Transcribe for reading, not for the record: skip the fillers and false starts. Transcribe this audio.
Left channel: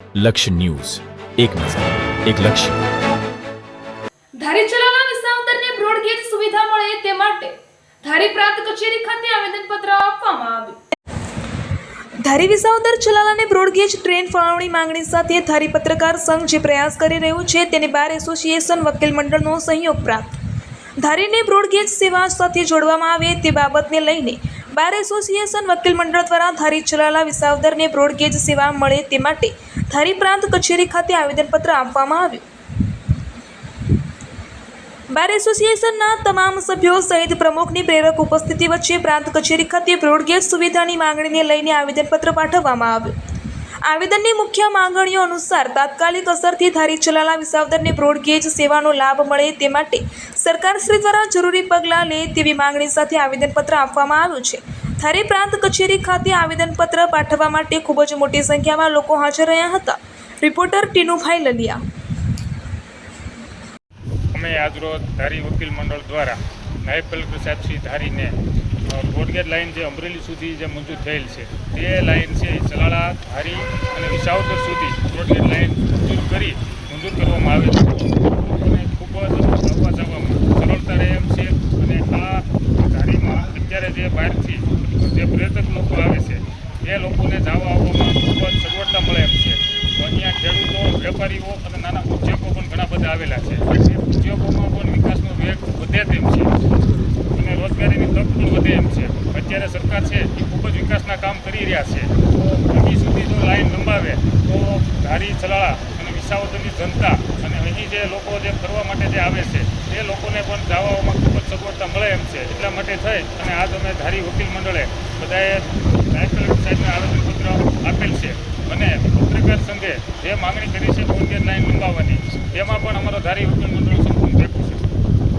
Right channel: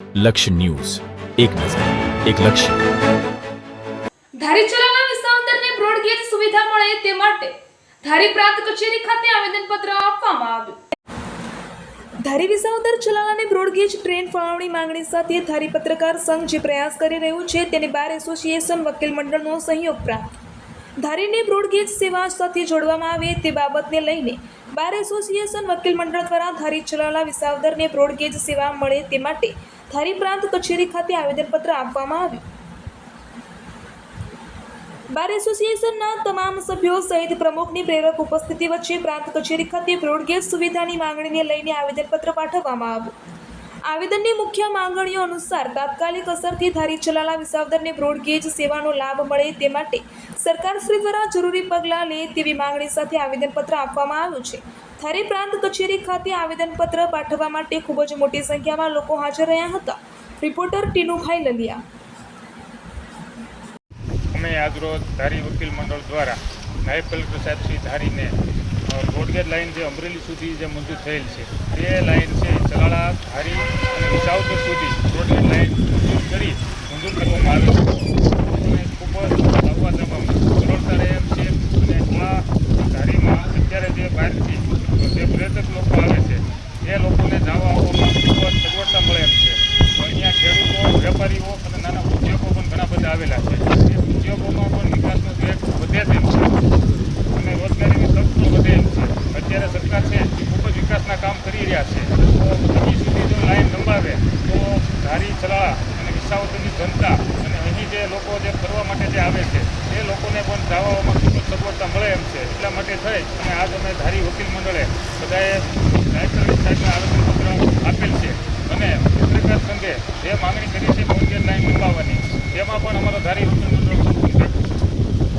લક્ષ્ય ન્યૂઝ, એક નજર, એક લક્ષ્ય. ધારી ચલાના વિસાવદરને બ્રોડગેજ સુવિધા મળે તે માટે ધારી પ્રાંત કચેરી ખાતે આવેદનપત્ર આપવામાં આવ્યું. ધારી વિસાવદર ચલાલાને બ્રોડગેજ ટ્રેન ફાળવણી માંગણી સાથે ધારી પત્રકાર સંઘ જે પ્રયાસ કરી રહ્યું છે તેને બાર એસોસિએશન વકીલ મંડળનો સહયોગ પ્રાપ્ત. ધારીને બ્રોડગેજ સેવા સાથે જોડવામાં આવે તે બાબતને લઈને બાર એસોસિએશન વકીલ મંડળ દ્વારા ધારી ચલાલા વિસાવદરને બ્રોડગેજ સેવા મળે તે માટે ધારી પ્રાંત કચેરી ખાતે આવેદનપત્ર આપવામાં આવ્યું. બાર એસોસિએશનના તમામ સભ્યો સહિત પ્રમુખની પ્રેરક ઉપસ્થિતિ વચ્ચે પ્રાંત કચેરી ખાતે બ્રોડગેજ સુવિધાની માંગણીને લઈને આવેદનપત્ર પાઠવવામાં આવ્યું. આવેદનની મુખ્ય માંગણીઓ અનુસાર તાત્કાલિક અસરથી ધારી ચલાલા વિસાવદરને બ્રોડગેજ સેવાનો લાભ મળે તે માટે સરકારશ્રી દ્વારા જરૂરી પગલાં લે તેવી માંગણી સાથે આવેદનપત્ર આપવામાં આવ્યું છે. ધારી પ્રાંત કચેરી ખાતે આવેદનપત્ર પાઠવવા માટે ખૂબ જ મોટી સંખ્યામાં લોકો હાજર રહ્યા હતા. રિપોર્ટર ટીનુભાઈ લલિયા. અમે આજરોજ ધારી વકીલ મંડળ દ્વારા નાયબ કલેક્ટર સાહેબ શ્રી ધારીને બ્રોડગેજ લાઇન જે અમરેલી સુધી જે મંજૂર થયેલ છે તે લાઇન છે ચલાળા, ધારી અને વિસાવદર સુધી બ્રોડગેજ લાઇન મંજૂર કરવામાં આવી છે. અને ખૂબ જ આવવા જવામાં સરળતા રહે એમ છે. અને આ ધારીમાં અત્યારે જે બહારથી જે પર્યટક લોકો આવે છે એ લોકોને જવા આવવામાં ખૂબ જ સગવડતા મળે એમ છે. અહીંયા ખેડૂતો, વેપારીઓ અને નાના ઉદ્યોગો પણ ઘણા બધા આવેલા છે. ઉદ્યોગોમાં પણ વિકાસનો વેગ વધે તેમ છે અને રોજગારીની તક પણ વધે એમ છે. અત્યારે સરકાર છે એ ખૂબ જ વિકાસના કામ કરી રહ્યા છે. તો અહીં સુધી જો લાઈન લંબાવે તો ધારી, ચલાળા અને વિસાવદરની જનતા અને અહીં જે લોકો જે ફરવા માટે જે આવે છે એ લોકોને પણ જવામાં ખૂબ જ સગવડતા મળે એમ છે. એટલા માટે થઈ અને આજ અમે ધારી વકીલ મંડળે બધાએ નાયબ કલેક્ટર સાહેબને આવેદનપત્ર આપેલ છે. અને પત્રકાર સંઘે જે માંગણી કરી છે બ્રોડગેજ લાઇન લંબાવવાની તેમાં પણ અમારો ધારી વકીલ